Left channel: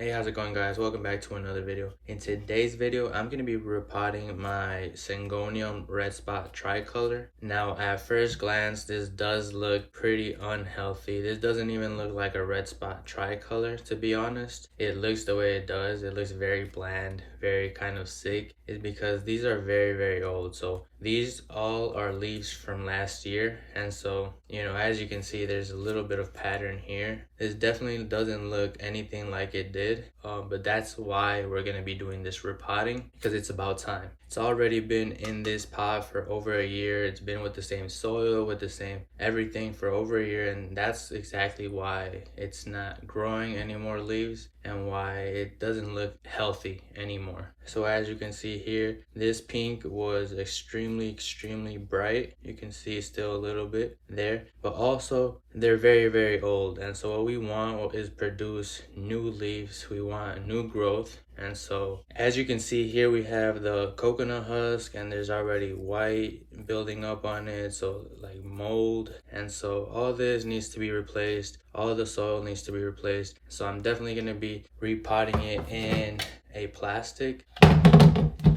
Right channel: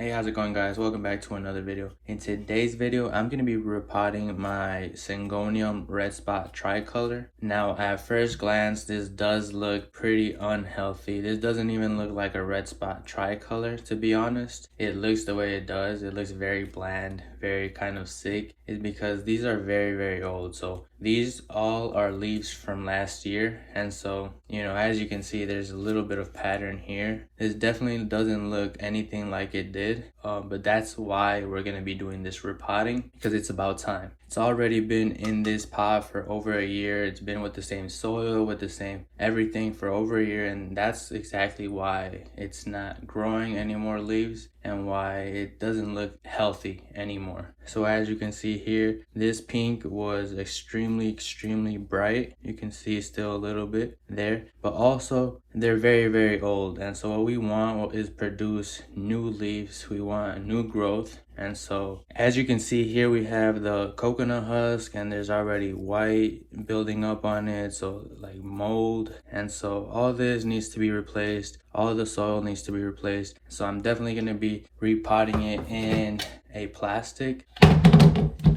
Hey, how's it going, guys? Welcome back to another video. In today's video, I'm going to be repotting my Syngonium Red Spot Tricolor. Now, at first glance, this does look pretty unhealthy. This doesn't even look like a red spot tricolor, to be honest. It looks the way it does. It looks very bland, very kind of sick. It's because these are very old. So these all are leaves from last year. And so, as you can see, there's a little bit of pattern here. This definitely doesn't look anything like it did. But that's why we're going to be doing this repotting, because it's about time. It's already been in this pot for over a year. It's been with the same soil, with the same everything for over a year, and that's exactly why it's not growing any more leaves and why it doesn't look healthy anymore. So as you can see here, this pink was extremely bright. You can see still a little bit there, but also they're very old, and so what we want is produce new leaves. We want new growth. And so as you can see here, we have the coconut husk, and there's already white building up on it, so like mold. And so all this needs to be replaced. All the soil needs to be replaced. So I'm definitely going to be repotting it in a plastic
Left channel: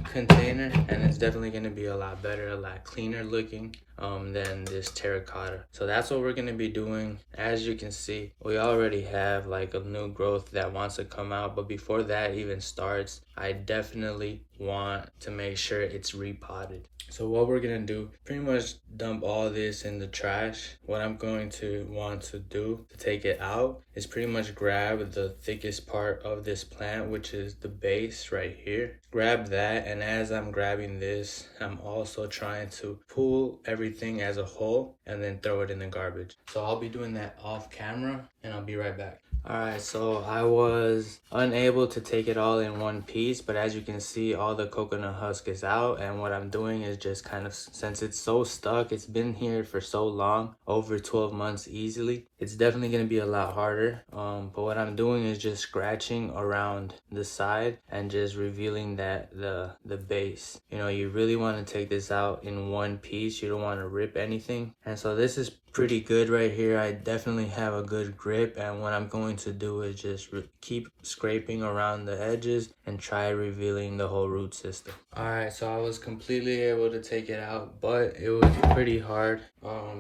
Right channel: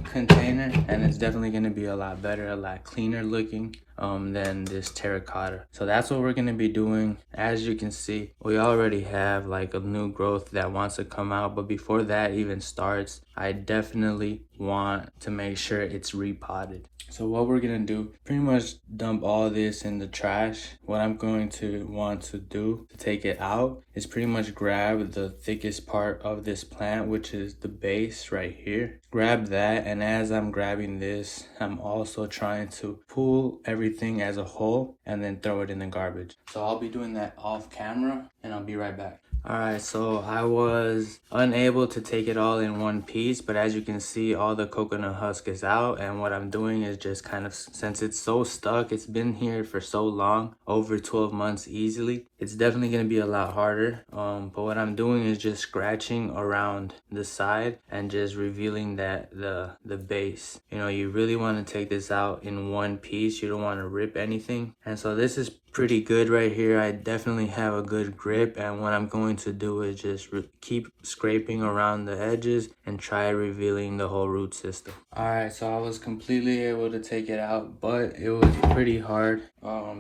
container, and it's definitely going to be a lot better, a lot cleaner looking than this terracotta. So that's what we're going to be doing. As you can see, we already have like a new growth that wants to come out, but before that even starts, I definitely want to make sure it's repotted. So what we're gonna do, pretty much dump all this in the trash. What I'm going to want to do to take it out is pretty much grab the thickest part of this plant, which is the base right here. Grab that, and as I'm grabbing this, I'm also trying to pull everything as a whole and then throw it in the garbage. So I'll be doing that off camera, and I'll be right back. Alright, so I was unable to take it all in one piece, but as you can see, all the coconut husk is out, and what I'm doing is just kind of, since it's so stuck, it's been here for so long, over 12 months easily, it's definitely going to be a lot harder. But what I'm doing is just scratching around the side and just revealing that the base. You really want to take this out in one piece. You don't want to rip anything. And so this is pretty good right here. I definitely have a good grip, and what I'm going to do is just keep scraping around the edges and try revealing the whole root system. Alright, so I was completely able to take it out, but it was pretty hard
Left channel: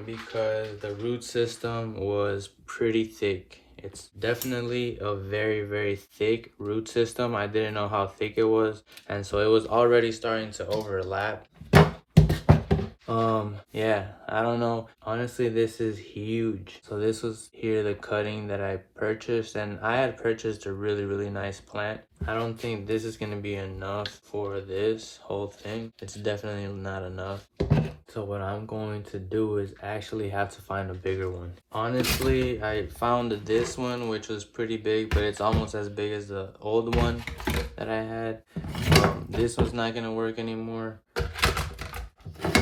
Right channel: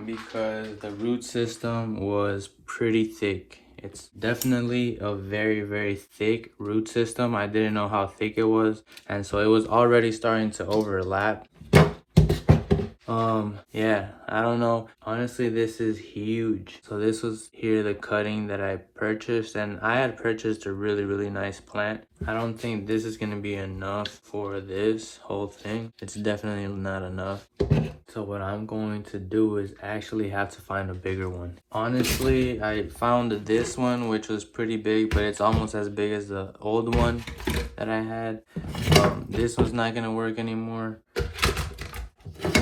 because the root system was pretty thick. It's definitely a very thick root system. I didn't know how thick it was, and so it was already starting to overlap. Yeah, I don't know. Honestly, this is huge. So this was here the cutting that I purchased, and I had purchased a really nice plant. I don't think this is gonna be enough for this whole thing. It's definitely not enough. So what I'm going to do is actually have to find a bigger one. Honestly, I found this one, which was pretty big, but it's almost as big as the old one that I had. This was not gonna work anymore.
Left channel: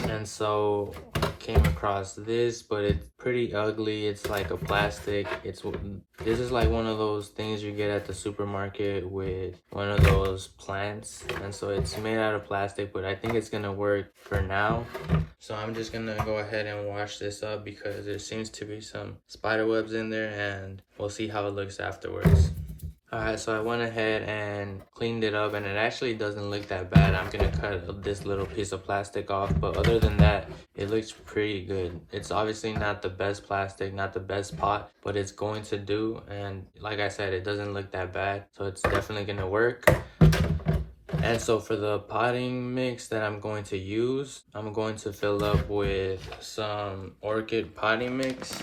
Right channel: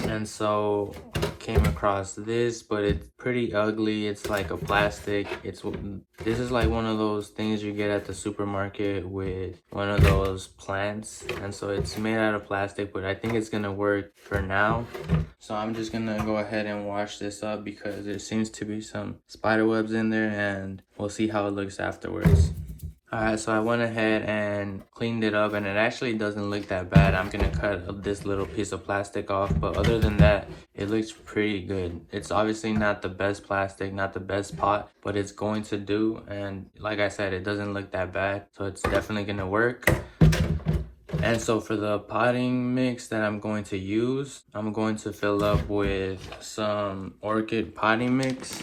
And so I came across this, but it's pretty ugly. It's like a plastic. This is like one of those things you get at the supermarket with one of those plants, and so it's made out of plastic, but I think it's gonna work for now. So I'm just gonna go ahead and wash this up because there seems to be some spider webs in there, and we'll see how it looks afterwards. Alright, so I went ahead and cleaned it up, and it actually doesn't look that bad. I'm gonna cut this little piece of plastic off, but other than that, it looks pretty good. It's obviously not the best plastic, not the best pot, but it's going to do, and like I said, it doesn't look that bad, so it's definitely gonna work. And so for the potting mix that I'm going to use, I'm going to fill up with some orchid potting mix,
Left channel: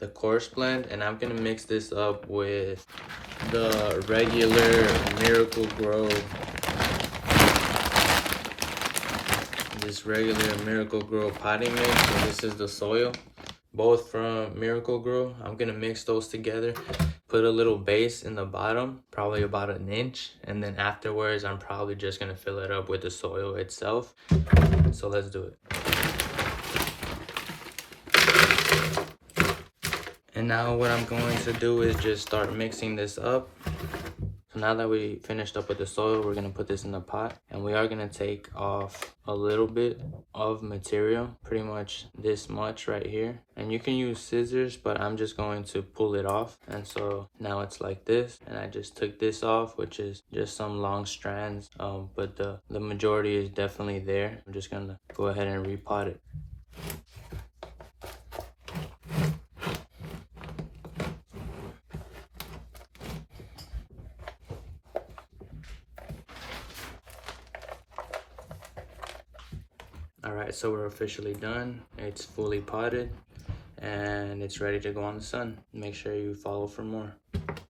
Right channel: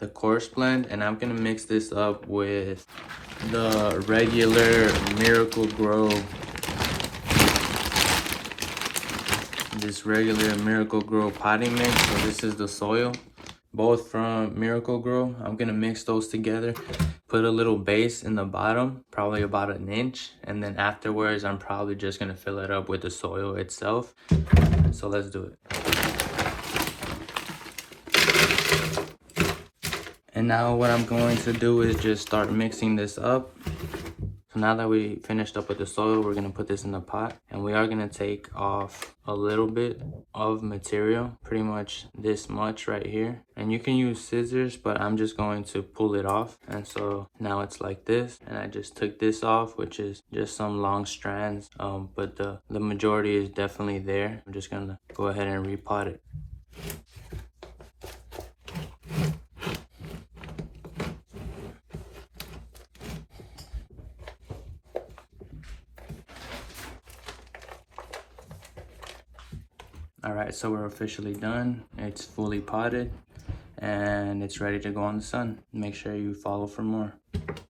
the coarse blend, and I'm gonna mix this up with the regular Miracle-Gro, this regular Miracle-Gro potting mix. So this is the soil, both from Miracle-Gro. I'm gonna mix those together, put a little base in the bottom, probably about 1 inch, and then afterwards I'm probably just gonna fill it up with the soil itself. So let's do it. And now what I'm going to do is just start mixing this up. So now that we finished up with the soil, we're gonna put this in the pot, and we are gonna take off a little bit of material, pretty much this much right here. And you can use scissors, but I'm just going to pull it off. And so now it's like this, and I just took this off, which is just some long strands, but the majority is definitely there. I'm just gonna go ahead and repot it. Alright, so we're officially done. It's fully potted and it's ready to go in the sun. Make sure you follow for more.